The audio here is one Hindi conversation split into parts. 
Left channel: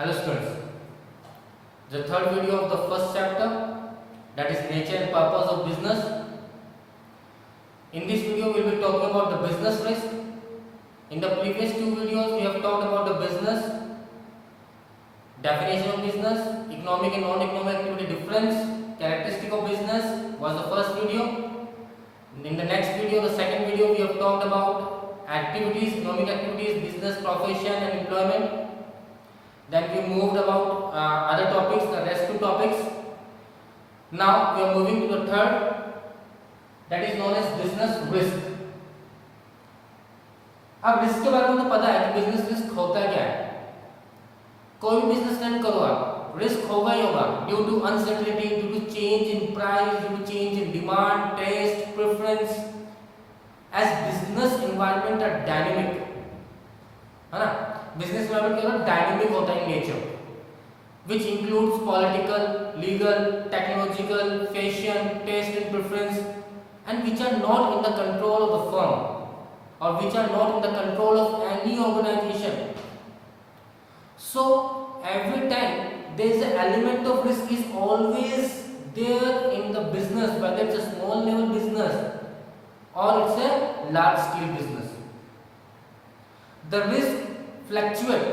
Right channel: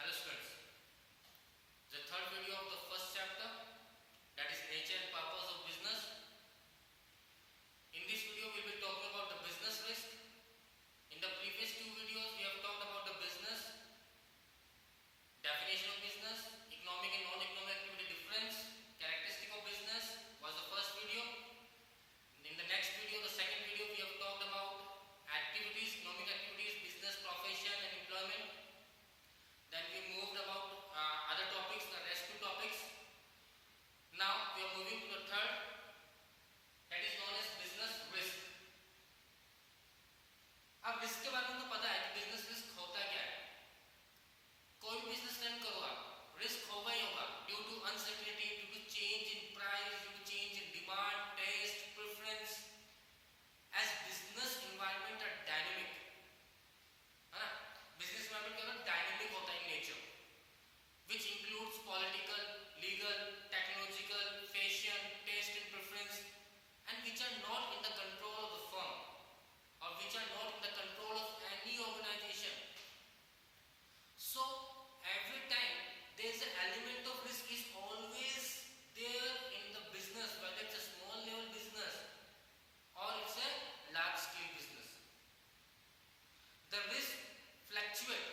Hello students, the third video of the first chapter, that is nature and purpose of business. In this video we will be talking about the business risk. In the previous two videos we have talked about the business, definition of business, economic and non-economic activity difference, characteristic of business was the first video. In the next video, the second video, we have talked about activities, economic activities, business, profession and employment. Then we moved about other topics, the rest two topics. Now we are moving to the third, that is known as business risk. अब रिस्क के बारे में तो पता है कि बिजनेस रिस्क होता क्या है. कोई भी बिजनेस रन करो आप, रिस्क होगा ही होगा due to uncertainty, due to change in price, due to change in demand, taste, preference. As business environment are dynamic, है ना. बिजनेस एनवायरनमेंट क्या होता है, डायनेमिक होता है in nature, which includes political, legal, technological, fashion, taste and preference, and which are not in the control of the firm or which are not in the control of any organization. So every time there is an element of risk is always there in the business, whether it's a small level business or it's a large scale business. The risk fluctuate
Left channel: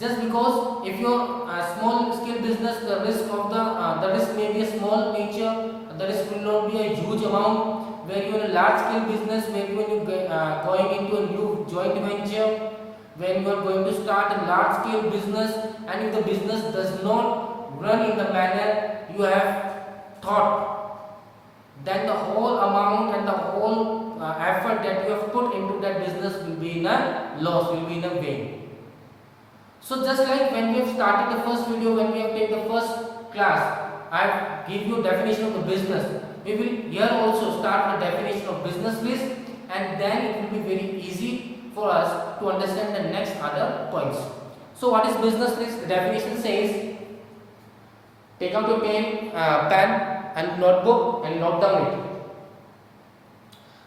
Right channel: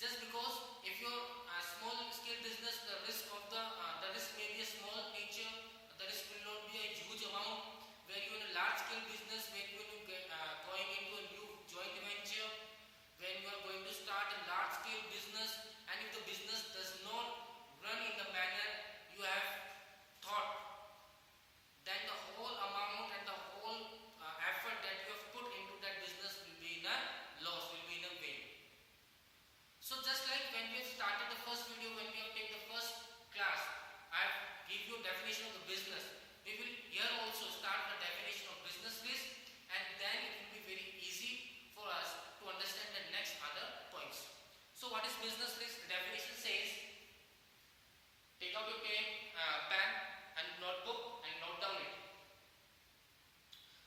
just because if you're a small scale business, the risk may be a small nature, the risk will not be a huge amount. Where you are a large scale business, maybe when you going into a new joint venture, when you are going to start a large scale business, and if the business does not run in the manner you have thought, then the whole amount and the whole effort that you have put into that business will be in a loss, will be in a vain. So just like when we have started the first video, when we have taken the first class, I give you definition of the business. We will here also start the definition of business risk, and then it will be very easy for us to understand the next other points. So what is business risk? The definition says, take out a pen and notebook and note down it.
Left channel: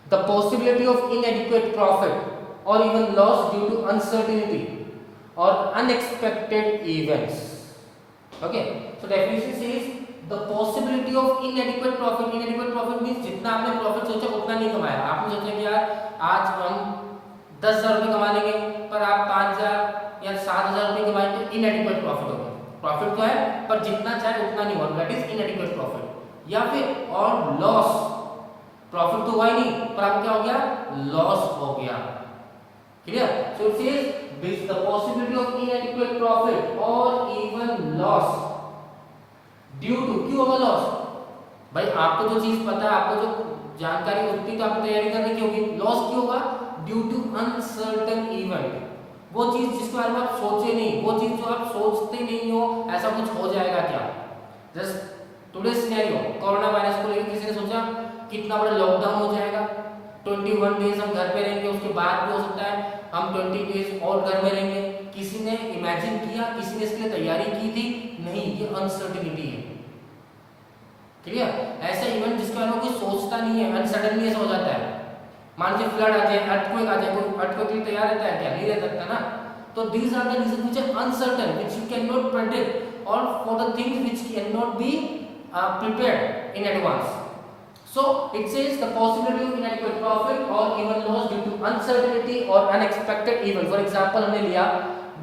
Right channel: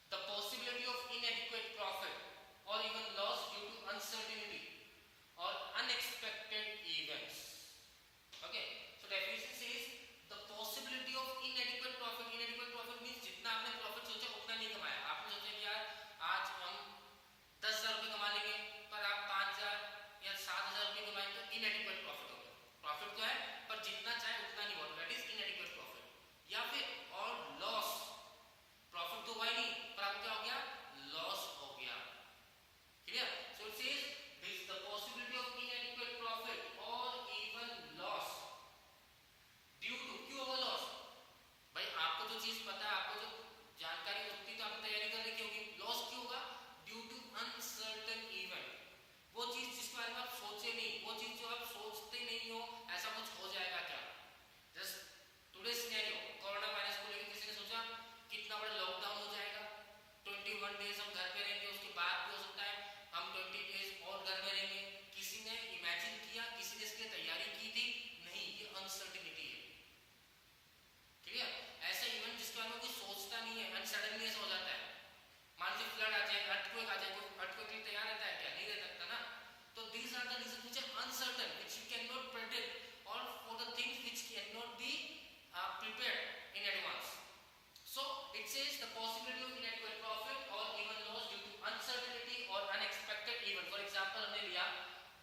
The possibility of inadequate profit or even loss due to uncertainty or unexpected events. Okay, so definition says the possibility of inadequate profit. Inadequate profit means जितना आपने प्रॉफिट सोचा उतना नहीं कमाया. आपने सोचा कि यार आज हम 10,000 रुपये कमा लेंगे, पर आप 5,000 या 7,000 रुपये कमाए, तो inadequate profit हो गया. प्रॉफिट तो है पर जितना चाहे उतना नहीं हुआ, दैट इज inadequate profit. या फिर और लॉस, प्रॉफिट तो हुआ ही नहीं पर आपको क्या हो गया, लॉस हो गया. Clear? So it says the possibility of inadequate profit or even loss due to, क्यों होगा लॉस? भाई आपको जो चीज पता है, आपको जो जानकारी होती तो आपको तैयारी करने की होगी. लॉस क्यों होगा? Due to uncertain event. वो चीज जिसके बारे में आप सोचे नहीं, वो चीज जो आप सोचते नहीं हो, ऐसा कुछ हो जाएगा क्या. Just today scenario, corona virus को लेकर किसी ने सोचा कितना बड़ा लॉकडाउन हो जाएगा, 21 डेज हम घर पे रहेंगे, उसके बाद भी हो सकता है हम 20 डेज और घर में रहेंगे. किसी ने इमेजिन किया, किसी ने इसके लिए तैयारी की थी? नहीं. ये अनसर्टेनिटी है. क्लियर? ऐसा इवेंट जिसके बारे में कोई सोचता नहीं है, अनसडनली ऐसा हो जाता है. मान लीजिए फ्लड आ जाए, अर्थक्वेक आ जाए, कोई अर्थक्वेक के लिए तैयार रहता है क्या? नहीं रह सकता ना. तो these are the reason which are uncertain, which you can not predict, और for the things which can not be prepared in advance. So it says the possibility of inadequate profit or even loss due to uncertainty or unexpected event. For example, हमने लिया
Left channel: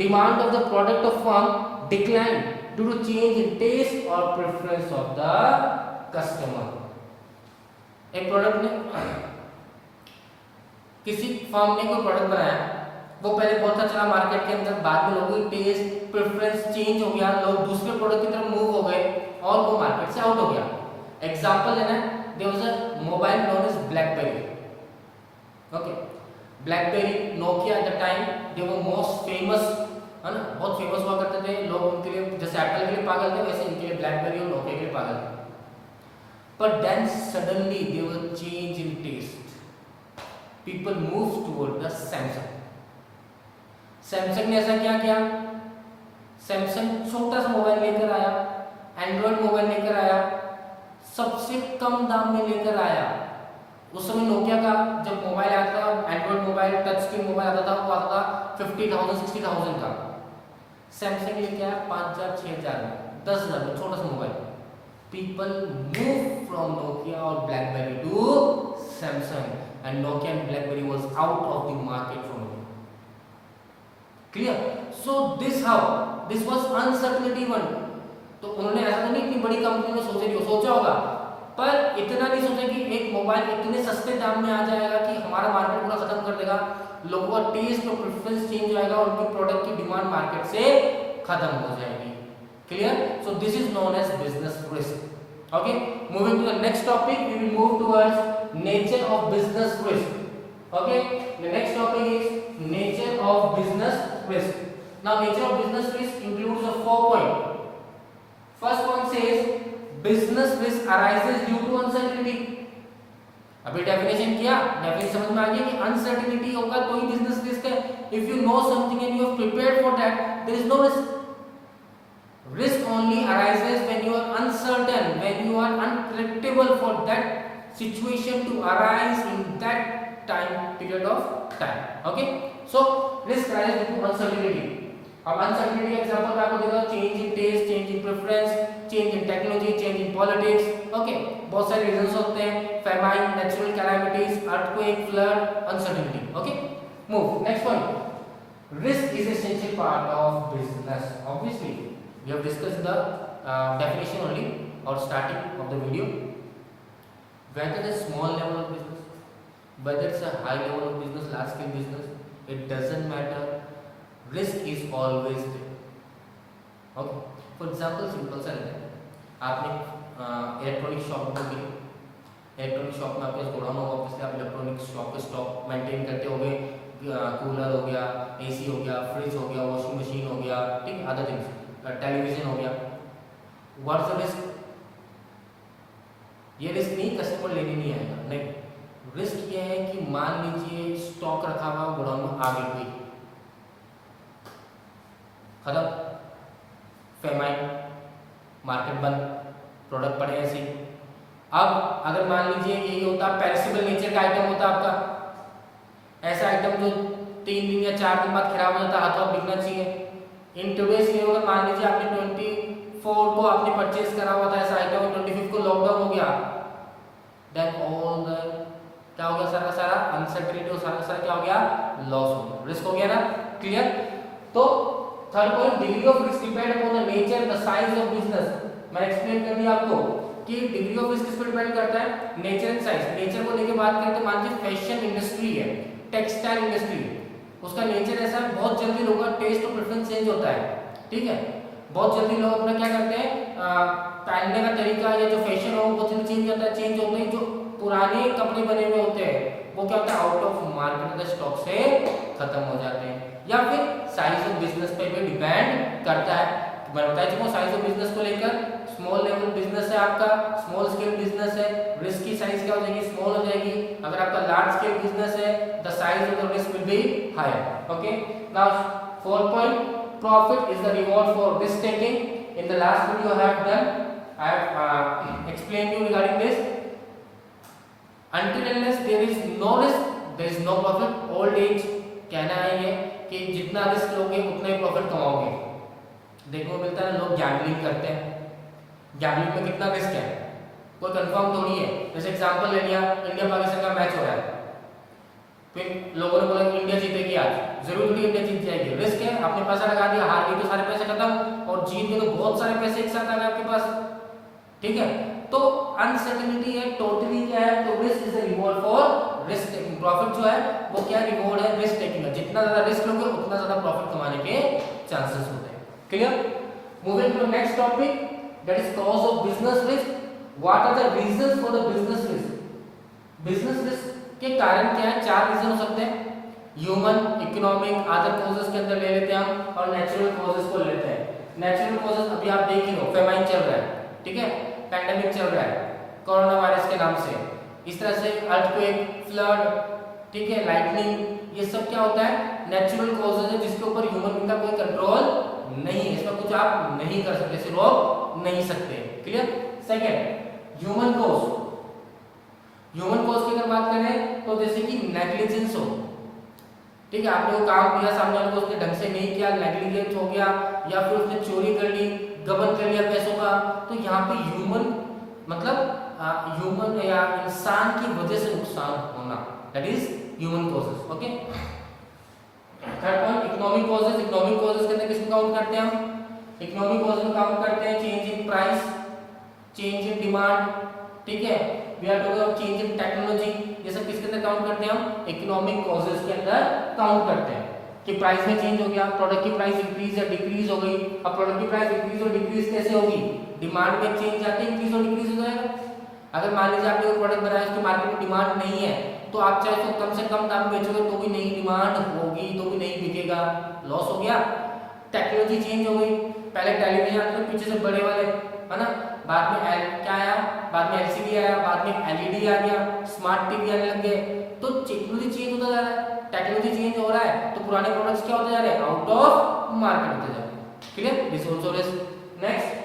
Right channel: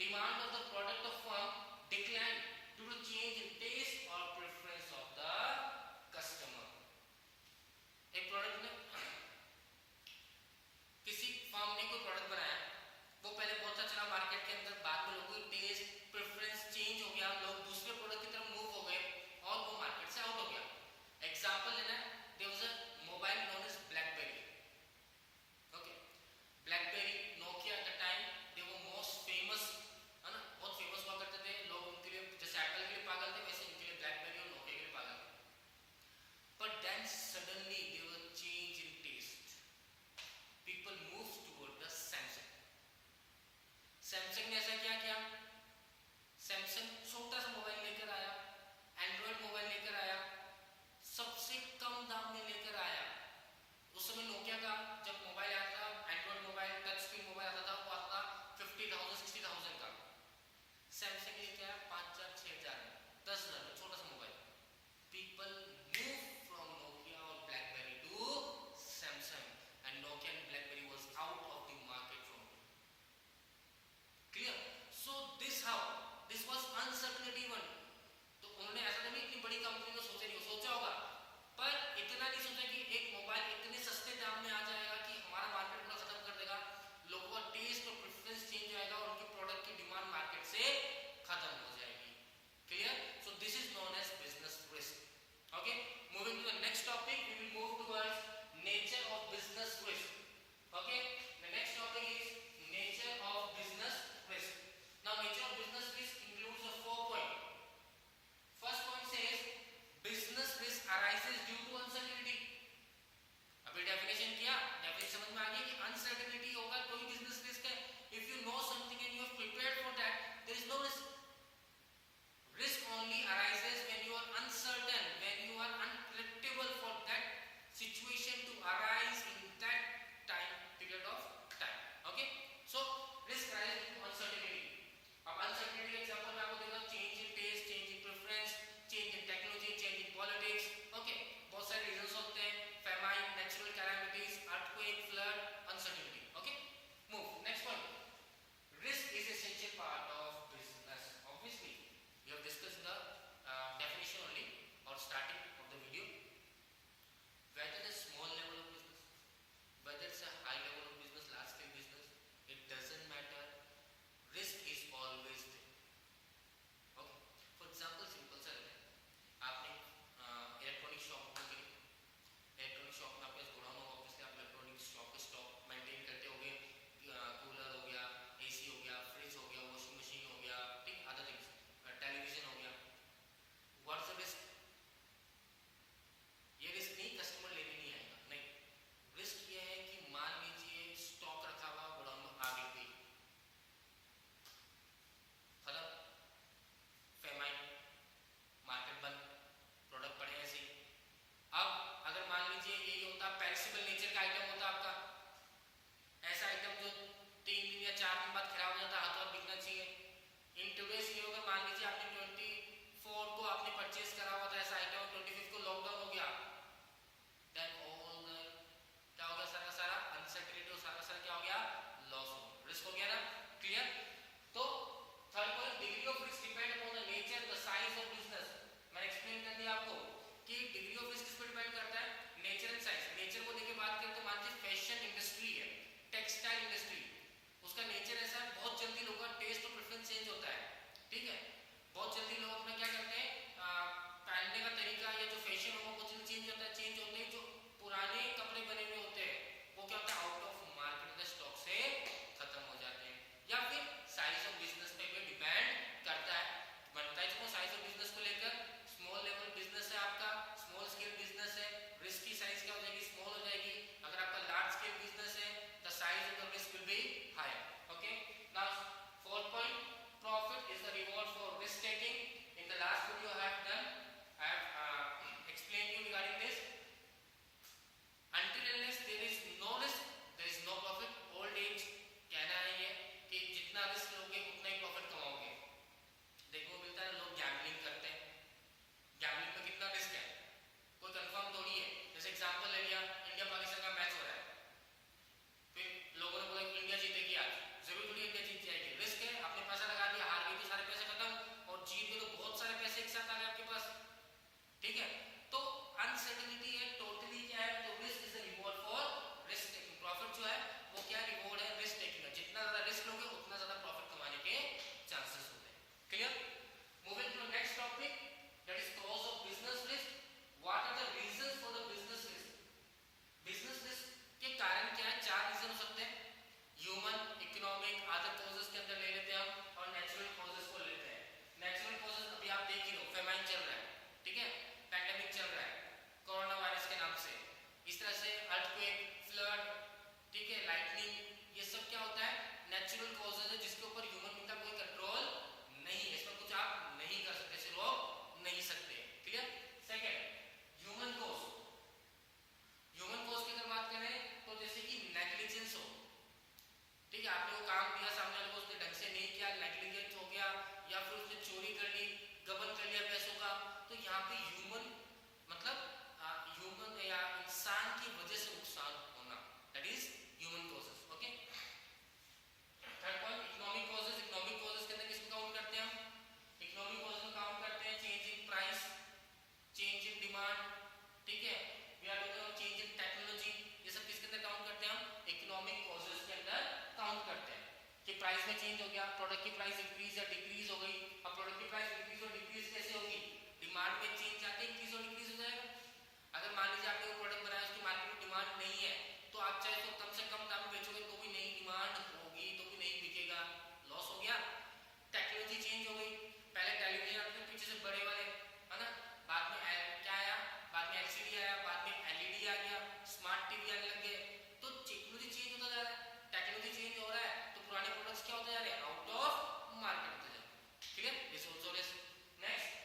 demand of the product of firm decline due to change in taste or preference of the customer. एक प्रोडक्ट ने, किसी फर्म ने कोई प्रोडक्ट बनाया, वो पहले बहुत अच्छा चला मार्केट के अंदर, बाद में लोगों की टेस्ट प्रेफरेंस चेंज हो गया, लोग दूसरे प्रोडक्ट की तरफ मूव हो गए और वो मार्केट से आउट हो गया. एग्जांपल लेना है, there was a mobile known as BlackBerry. Okay, BlackBerry, Nokia at the time they were most famous, है ना, बहुत फेमस हुआ करते थे लोग. उनके लिए जैसे एप्पल के लिए पागल थे, वैसे इनके लिए BlackBerry और Nokia के लिए पागल थे. But then suddenly there was a change in taste. People moved toward the Samsung. Samsung ने ऐसा क्या किया? Samsung छोटा सा मोबाइल लेकर आया, एंड्रॉइड मोबाइल लेकर आया, सबसे कम दाम में लेकर आया. उस समय नोकिया का जब मोबाइल आता था, Android mobile, touch screen mobile आता था, वो आता था 50,000 60,000 का. सैमसंग लेके आया 5,000 6,000 में, 10,000 में, छोटा सा mobile. People move from Nokia और BlackBerry to Samsung and Nokia and BlackBerry was out of the market from India. Clear? So this was uncertainty one. तो उन्होंने ऐसा तो नहीं इतनी बड़ी कंपनी में सोचा होगा, पर इतना नहीं सोचा कि एक मोबाइल इतने सस्ते दाम में आ जाएगा कि हमारा मार्केट पूरा खत्म कर देगा, लोगों का टेस्ट और प्रेफरेंस चेंज हो जाएगा और उनके प्रोडक्ट की डिमांड मार्केट से खत्म हो जाएगी। Clear? So this is known as business risk. Okay, moving to the next topic, we will move towards nature of business risk. Okay, the next topic is nature of business risk. Now nature of business risk includes a 4 point. First point says business risk arises due to uncertainty. अभी डेफिनेशन किया, डेफिनेशन समझ में आ गया कि अनसर्टेनिटी होगा तो ही बिजनेस रिस्क है। If you know something and you have prepared for that, there is no risk. Risk only arises when you are uncertain, when you are unpredictable for that situation to arise in that time period of time. Okay, so risk arises due to uncertainty. अब uncertainty का एग्जांपल मैं आपको देता हूँ, change in taste, change in preference, change in technology, change in politics. Okay, बहुत सारे रीजंस होते हैं, famine, natural calamities, earthquake, flood, uncertainty. Okay, move next point. Risk is essential part of business. Obviously we have discussed the definition only or starting of the video. Whether it's small level of business, whether it's a high level of business, large scale business, it doesn't matter, risk is always there. Okay, for example simple सा लेते हैं, आपने इलेक्ट्रॉनिक शॉप में गए, इलेक्ट्रॉनिक शॉप में आपके पास गोडाउन होगा, ऑब्वियसली आप इलेक्ट्रॉनिक शॉप के स्टॉक मेंटेन करते होंगे, कूलर हो गया, एसी हो गया, फ्रिज हो गया, वॉशिंग मशीन हो गया, ठीक, अदर थिंग्स, टेलीविजन हो गया. What's the risk? ये रिस्क नहीं कस्टमर लेने नहीं आएगा, नहीं. रिस्क ये है कि मान लीजिए स्टॉक रखा हुआ गोडाउन में आग लग गई, खत्म, फेमाइन, मार्केट बंद, प्रोडक्ट पड़े ऐसे. अब अगर मान लीजिए यही होता, पेरिसेबल नेचर का आइटम होता आपका, ऐसा आइटम जो 3 दिन या 4 दिन बाद खराब हो जाता, हाथों बिकना चाहिए. इन टुडेज के अगर मान लीजिए आपने 24 को आपने परचेज करा हुआ था ऐसा आइटम, 25 को लॉकडाउन हो गया, देन ऑल द क्या हो गया, सारा सारा अनसर्टेनिटी और सारा सारा क्या हो गया, लॉस हो गया, रिस्क हो गया ना. क्लियर? तो third point, degree of risk depend upon the nature the size of business. मैंने एक्सप्लेन कर दिया आपको कि डिग्री ऑफ रिस्क किस पर डिपेंड करता है, नेचर एंड साइज. नेचर को लेके बात करते हैं, मान लीजिए फैशन इंडस्ट्री है, टेक्सटाइल इंडस्ट्री, उसका नेचर ऐसा है, बहुत जल्दी लोगों का टेस्ट और प्रेफरेंस चेंज होता है. ठीक है, बहुत जल्दी लोग अपना क्या करते हैं, पहनने का तरीका या जो फैशन हो वो जल्दी चेंज होता है. चेंज होते ही जो पुराने कपड़े बने हुए होते हैं वो क्या होता है, आउट ऑफ मार्केट के स्टॉक से खत्म हो जाते हैं. या फिर साइज ऑफ बिजनेस पे भी डिपेंड करता है. मैं बता चुका हूँ साइज ऑफ बिजनेस को लेकर, स्मॉल लेवल बिजनेस है आपका, स्मॉल स्केल बिजनेस है, रिस्क की साइज क्या हो जाएगी, स्मॉल हो जाएगी. अगर आपका लार्ज स्केल बिजनेस है, the size of the risk will be higher. Okay, now fourth point, profit is the reward for risk taking. In the last video I have explained you regarding this. Until unless there is no risk, there is no profit. Old age कहना है ये कि जितना रिस्क लोगे उतना ही प्रॉफिट कमाओगे. देखने को मिलता है लोग गैम्बलिंग करते हैं, गैम्बलिंग में कितना रिस्क है, कोई कंफर्म थोड़ी है. जैसे एग्जांपल ले लिया, इंडिया पाकिस्तान का मैच हो रहा है, फिर लोगों ने बोला कि इंडिया जीतेगी आज, जरूर थोड़ी इंडिया जीत जाएगी, रिस्क है. आपने पैसा लगा दिया, हार गई तो सारे पैसे खत्म, और जीत गए तो बहुत सारे पैसे एक साथ आ गए आपके पास. ठीक है, तो अनसर्टेनिटी है, टोटली क्या है, तो risk is the reward for risk taking. Profit जो है वो क्या रिवॉर्ड है, रिस्क टेकिंग है. जितना ज्यादा रिस्क लोगे उतना ज्यादा प्रॉफिट कमाने के चांसेस होते हैं. Clear? Moving to next topic, that is cause of business risk. What are the reasons for the business risk? Business risk के कारण क्या है, 4 रीजन हो सकते हैं. ह्यूमन, इकोनॉमिक, अदर कॉजेस के अंदर ले लेते हैं हम, और नेचुरल कॉजेस को लेते हैं. नेचुरल कॉजेस अभी आप देख ही हो, फेमाइन चल रहा है, ठीक है, पैंडेमिक चल रहा है कोरोना वायरस के नाम से, इस तरह से अर्थक्वेक, फ्लड, ठीक है, लाइटनिंग, ये सब क्या होता है, नेचुरल कॉजेस है जिसके ऊपर ह्यूमन का कोई कंट्रोल नहीं है, इसमें कुछ आप नहीं कर सकते, इसे रोक नहीं सकते. Clear? Second, human cause. Human cause की अगर बात करें तो जैसे कि नेग्लिजेंस हो, ठीक है, आपने वो काम दिया सामने वाले को, उसने ढंग से नहीं किया, नेग्लिजेंस हो गया, या फिर उसने चोरी कर ली, गबन कर लिया पैसों का, तो यहाँ पे ह्यूमन मतलब ह्यूमन या इंसान की वजह से नुकसान होना, that is human causes. Okay, third point economic causes. Economic causes के अंदर किसको काउंट करते हैं हम? इकोनॉमिक कॉजेस में काउंट करते हैं change in price, change in demand, ठीक है, we are talking about change in technology, ये सब किसके अंदर काउंट करते हैं हम? इकोनॉमिक कॉजेस के अंदर काउंट करते हैं कि प्राइस में चेंज हो गया, प्रोडक्ट की प्राइस इंक्रीज या डिक्रीज हो गई। अब प्रोडक्ट की प्राइस इंक्रीज और डिक्रीज कैसे होगी? डिमांड में चेंज आते इंक्रीज और डिक्रीज हो जाएगा। अगर मान लीजिए आपने कोई प्रोडक्ट बनाया, उसकी मार्केट में डिमांड नहीं है, तो आप चाहे तो कम से कम दाम में बेचोगे तो भी नहीं डिमांड होगी, तो भी नहीं बिकेगा, लॉस हो गया। टेक्नोलॉजी चेंज हो गई, पहले टेलीविजन आते थे पीछे से बड़े वाले, है ना, बाद में क्या आया, बाद में एलसीडी आया, बाद में एलईडी आ गया, स्मार्ट टीवी आने लग गए, तो टेक्नोलॉजी चेंज होता जा रहा है। टेक्नोलॉजी चेंज हो रहा है तो पुराने प्रोडक्ट्स क्या होते जा रहे हैं? आउट ऑफ मार्केट होते जा रहे हैं। Clear? This also risk. Next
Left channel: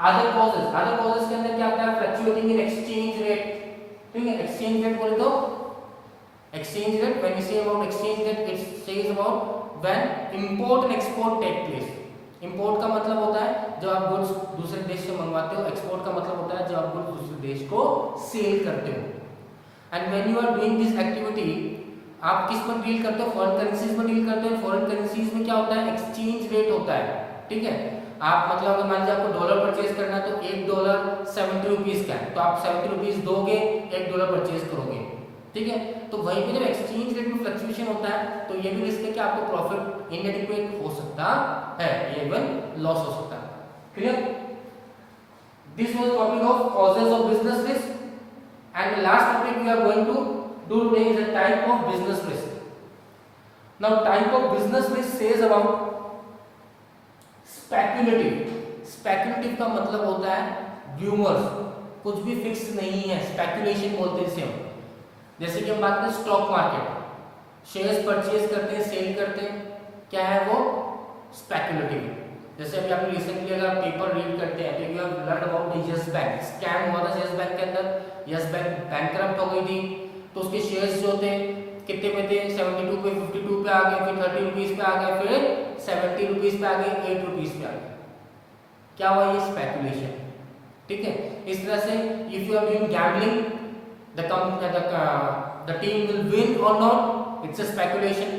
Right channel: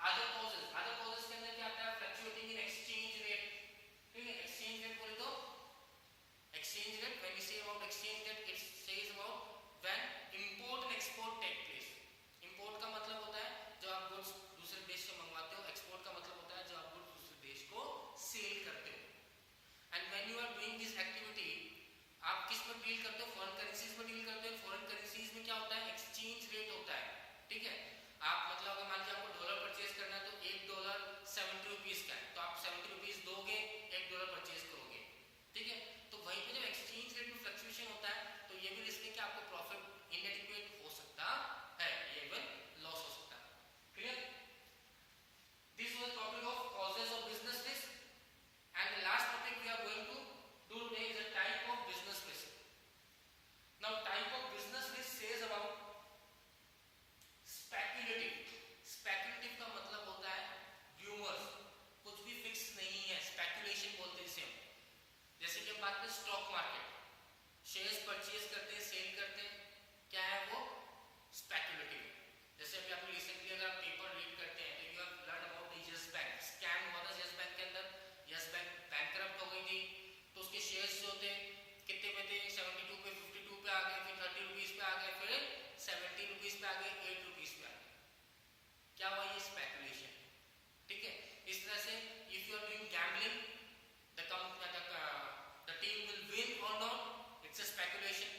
other causes. Other causes के अंदर क्या आता है? फ्लक्चुएटिंग इन एक्सचेंज रेट, ठीक है, एक्सचेंज रेट बोले तो exchange rate, when we say about exchange rate, it says about when import and export take place. Import का मतलब होता है जब आप गुड्स दूसरे देश से मंगवाते हो, एक्सपोर्ट का मतलब होता है जब आप गुड्स दूसरे देश को सेल करते हो। And when you are doing this activity, आप किस में डील करते हो? फॉरेन करेंसीज में डील करते हो। फॉरेन करेंसीज में क्या होता है? एक्सचेंज रेट होता है, ठीक है। आप मतलब अगर मान लीजिए आपको डॉलर परचेज करना है तो $1 70 रुपीज का है, तो आप 70 रुपीज दोगे, $1 परचेज करोगे, ठीक है। तो वहीं पे जब एक्सचेंज रेट में फ्लक्चुएशन होता है तो ये भी रिस्क है कि आपको प्रॉफिट इनएडिक्वेट हो सकता है, ये इवन लॉस हो सकता है। Clear? This was topic of causes of business risk, and last topic we are going to do today is a type of business risk. Now type of business risk says about speculative. Speculative का मतलब होता है rumors, कुछ भी फिक्स नहीं है, स्पेकुलेशन बोलते हैं इसे हम। जैसे कि हम बात करें स्टॉक मार्केट, शेयर्स परचेज करते हैं, सेल करते हैं, क्या है वो? स्पेकुलेटिव। जैसे अभी आपने रिसेंटली अगर पेपर रीड करते हैं तो you have learn about the yes bank, scam हुआ था यस बैंक के अंदर, यस बैंक बैंकरप्ट हो गई थी, तो उसके शेयर्स जो थे कितने पे थे? 72 पे, 52 पे आ गए, फिर 30 रुपीज पे आ गए, फिर 70 रुपीज पे आ गए, 8 रुपीज पे आ गए। क्या हुआ? ये स्पेकुलेशन, ठीक है। इस तरह से if you are doing gambling, the team will win और नॉट, इट्स अ स्पेकुलेशन,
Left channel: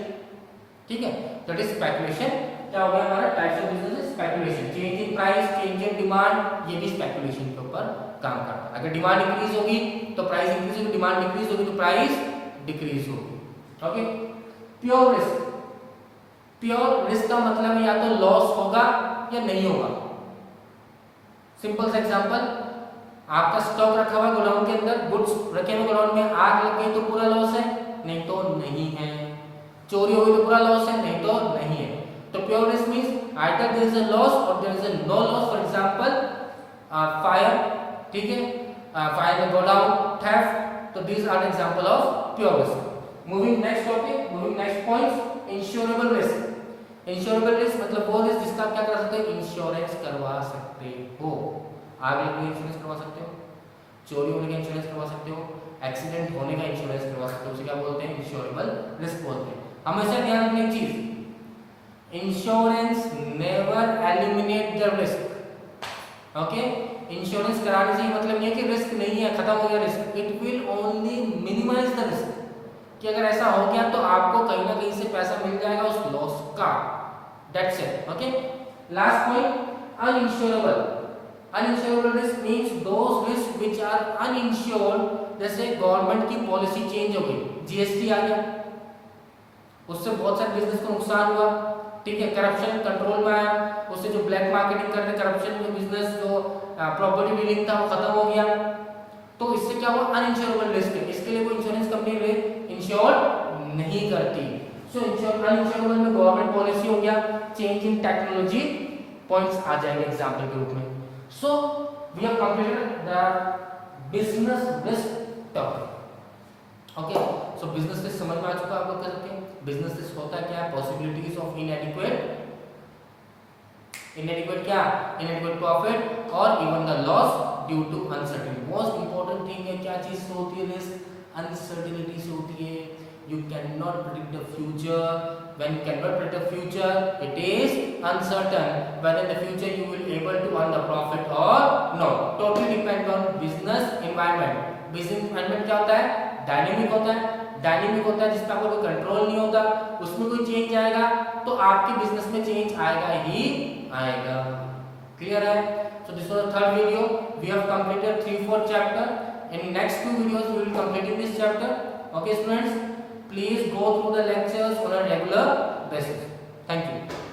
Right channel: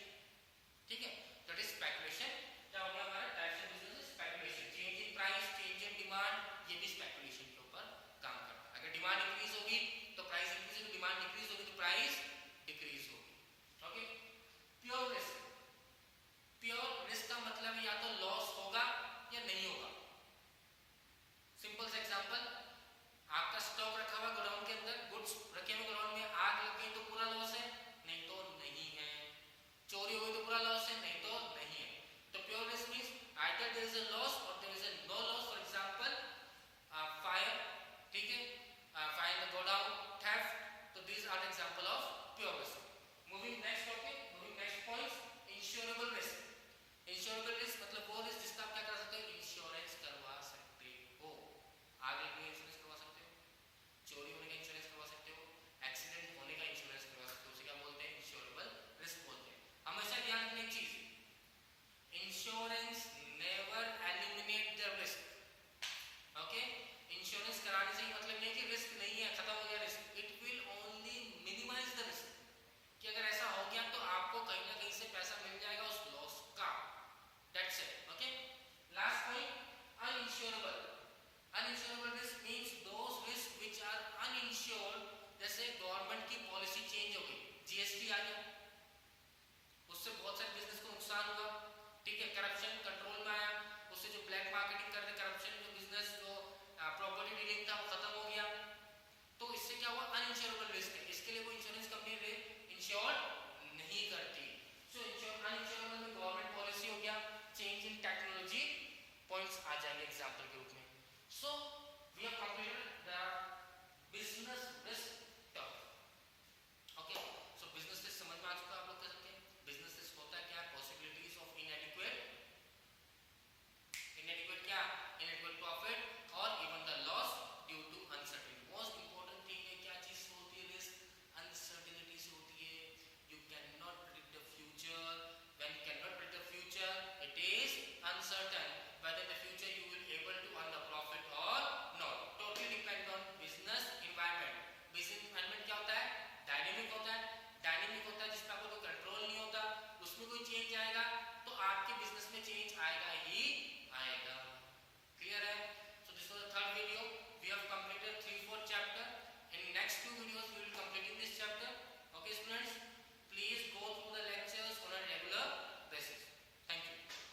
ठीक है। That is speculation. क्या हो गया हमारा? Types of business speculation. Change in price, change in demand, ये भी स्पेकुलेशन के ऊपर काम करता है। अगर डिमांड इंक्रीज होगी तो प्राइस इंक्रीज होगी, डिमांड डिक्रीज होगी तो प्राइस डिक्रीज होगी। Okay. Pure risk. Pure risk का मतलब या तो लॉस होगा या नहीं होगा। सिंपल सा एग्जांपल, आपका स्टॉक रखा हुआ गोडाउन के अंदर, गुड्स रखे हुए गोडाउन में, आग लग गई तो पूरा लॉस है? नहीं तो नहीं है। चोरी हो गई तो पूरा लॉस है? नहीं तो नहीं है। तो pure risk means either there is a loss और there is a no loss. For example fire, ठीक है, फायर इन गोडाउन, थेफ्ट, तो these are example of pure risk. Moving next topic, moving next points, insurable risk. Insurable risk मतलब वो रिस्क जिसका आप क्या कर सकते हो? इंश्योरेंस करवा सकते हो। आग लगने का इंश्योरेंस करवा सकते हो, चोरी होने का इंश्योरेंस करवा सकते हो, एक्सीडेंट होने का इंश्योरेंस करवा सकते हो, उसे क्या बोलते हैं? इंश्योरेबल रिस्क बोलते हैं। हमेशा ध्यान रखने की चीज, insurance never eliminate the risk. Okay, insurance कराने से मतलब नहीं है कि रिस्क नहीं है, खत्म हो गया risk, it will only minimize the risk, कि अगर ऐसा हो गया तो आपको कहीं ना कहीं से पैसा मिल जाएगा उस लॉस का, that's it. Okay. Last point, uninsurable. Uninsurable risk means those risk which are uninsured. जैसे गवर्नमेंट की पॉलिसी चेंज हो गई, जीएसटी आ गया, उससे बहुत सारे बिजनेस को नुकसान हुआ, ठीक है। करप्शन कंट्रोल में आया, उससे जो ब्लैक मार्केटिंग कर रहे, करप्शन में बिजनेस जो प्रॉपर्टी डीलिंग था वो खत्म हो गया, तो इससे क्या हुआ? अनइंश्योरेबल रिस्क है, इसके लिए कोई इंश्योरेंस कंपनी इंश्योर नहीं करती। सो अनइंश्योरेबल में गवर्नमेंट पॉलिसी हो गया, चेंज इन टेक्नोलॉजी, पॉइंट्स आ जाएंगे एग्जांपल के रूप में। So we have completed the business risk topic. Okay, so business risk समझ में आ चुका आप लोग कह सकते हैं। बिजनेस रिस्क होता क्या है? पॉसिबिलिटीज ऑफ इनएडिक्वेट क्या? इनएडिक्वेट प्रॉफिट और even the loss due to uncertainty. Most important thing है क्या चीज से होती है रिस्क? अनसर्टेनिटी से होती है। You cannot predict the future. When you cannot predict the future, it is uncertain whether in the future you will able to earn the profit or not. Totally depend on business environment. Business environment क्या होता है? डायनेमिक होता है। डायनेमिक होता है जिसका कोई कंट्रोल नहीं होता, उसमें कोई चेंज आएगा तो आपके बिजनेस में चेंज आएगा ही आएगा। क्लियर है? So this was the third video. We have completed 3-4 chapter. In next 2 videos we will complete in this chapter. Okay students, please go through the lectures on a regular basis. Thank you.